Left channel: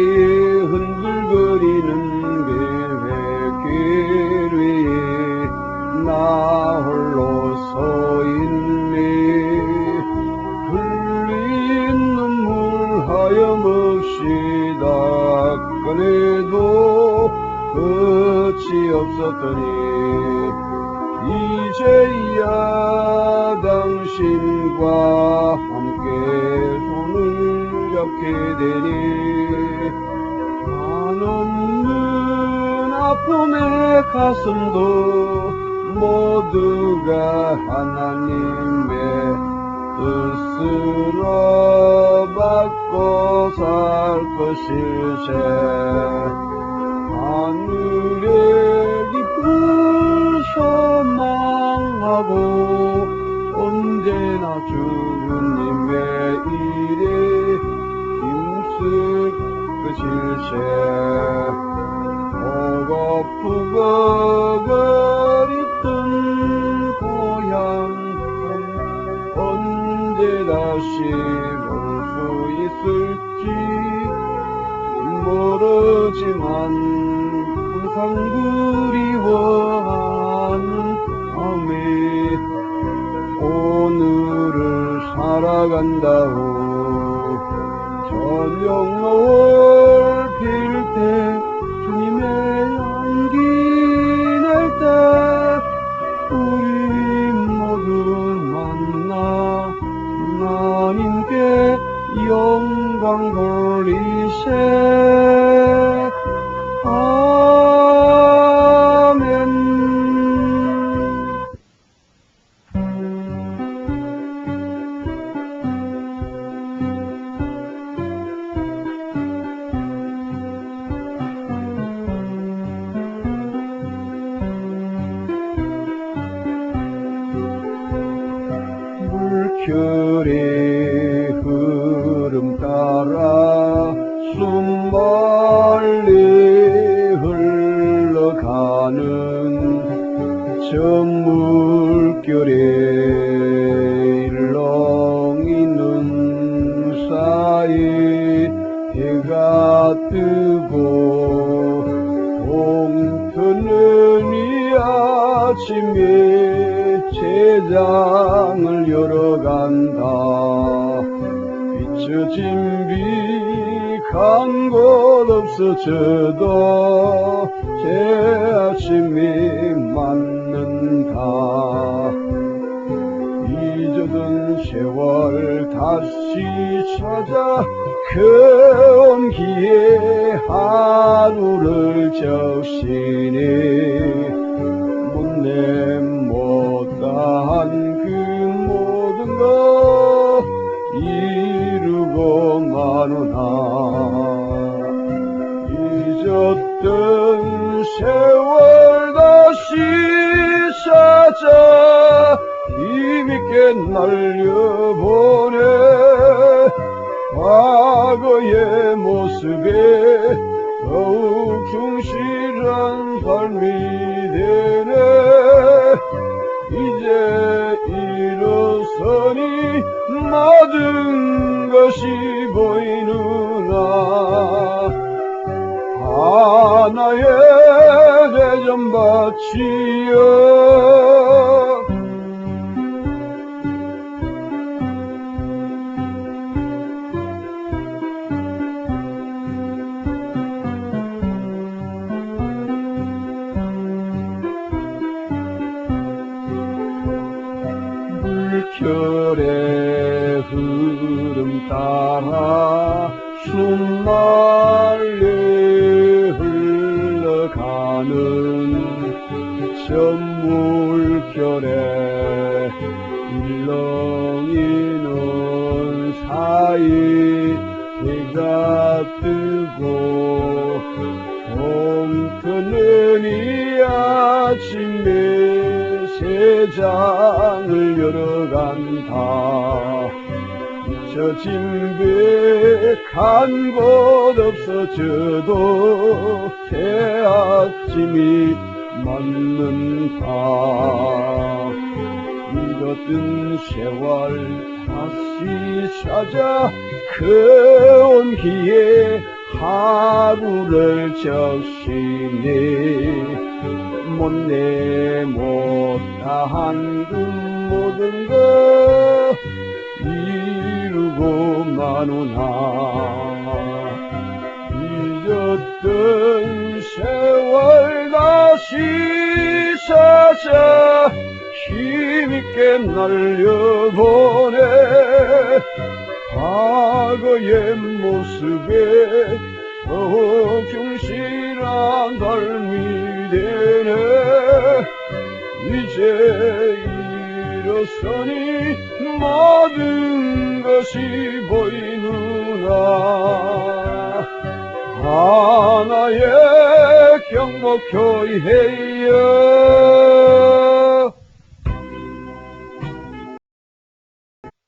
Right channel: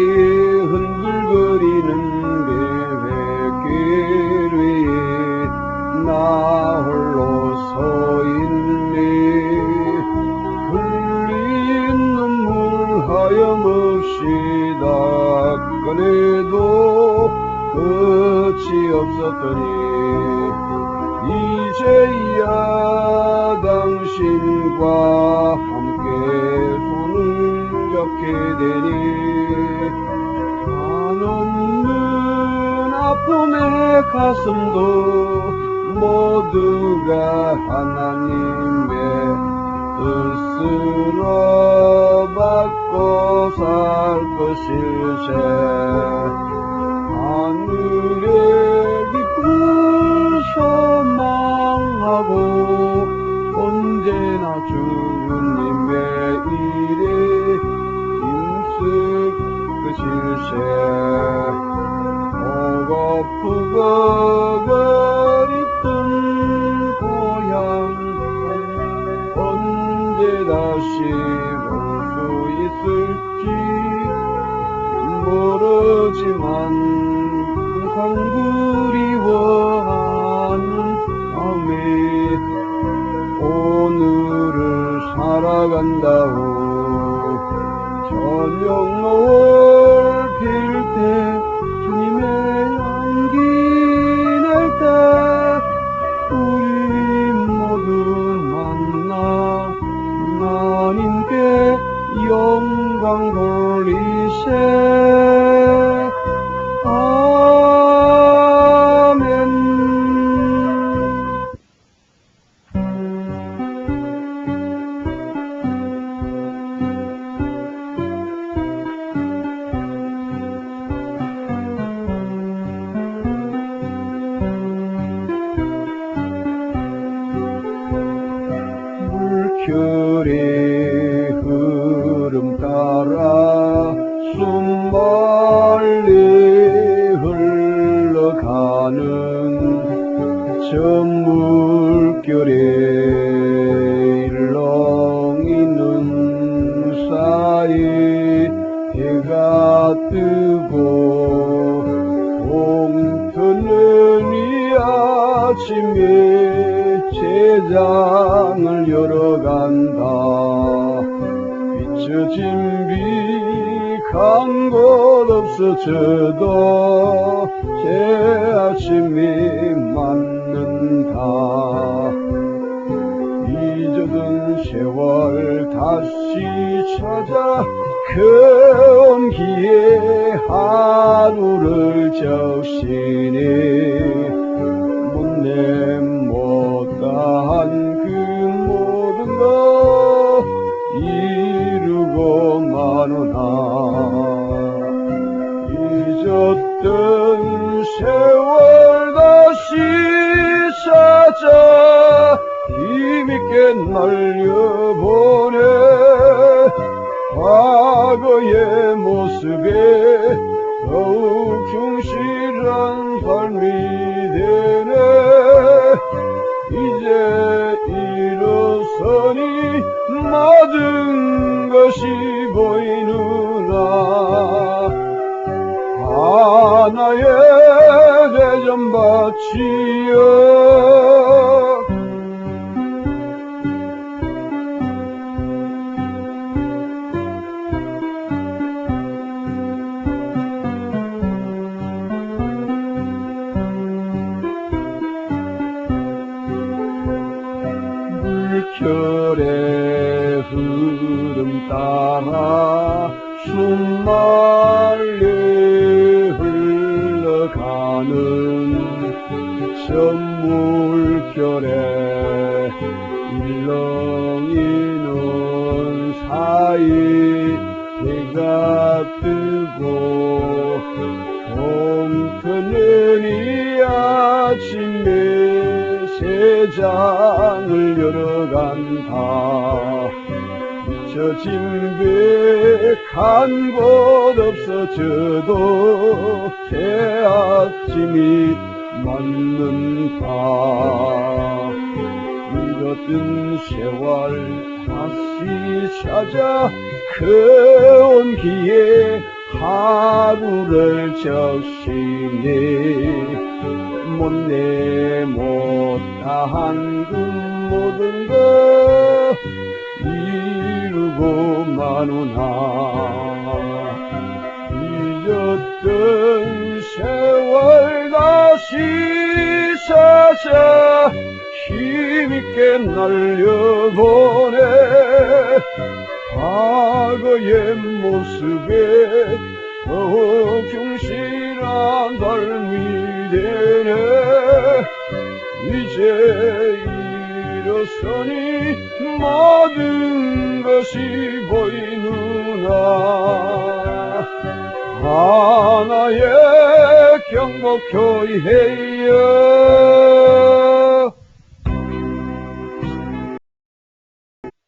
나의 흔들거리는 계획길 위에 나 홀로 서 있네. 흘린 눈물 하염없이 닦아내도 끝이 없었더니 이제야 당신과 잡게 되니 한없는 아픔의 가슴도 모두가 하나님의 뜻으로 받고 살 것이세. 하늘의 깊은 소망하고 언제나 주님의 다시 올 수 있을지 모르지만 항상 그리워하는 마음에 오늘을 살아간다오 영광 돌리세. 아멘. 물결의 저 물결에 일렁이는 사이 해가 뜨고 봄터는 이 아침에 제장을 열어간다. 비춰진 빛간 곳 없어져도 새 아침이 세월 다시 찾아 그 온기에 하루를 적시니 힘있게 날려보내 과거의 모습에 더욱 충실한 삶이 되네. 이제 일어서니 모든 것이 보이누나. 하나의 대전 바치여 따라 숨 말리 흘러가는 저 물결에 일렁이는 사이 해가 뜨고 봄터는 이 아침에 세장을 열어간다 비춰진 백한 곳 없어져도 새 아침이 맞는다. 잃어빈 세월 다시 찾아 그 온기에 하루를 적시니 못내 못다한 찾아 힘있게 날려보내. 과거의 모습에 더 충실한 삶이 되네. 이제 일어서니 모든 것이 보이누나. 하나의 경복교회여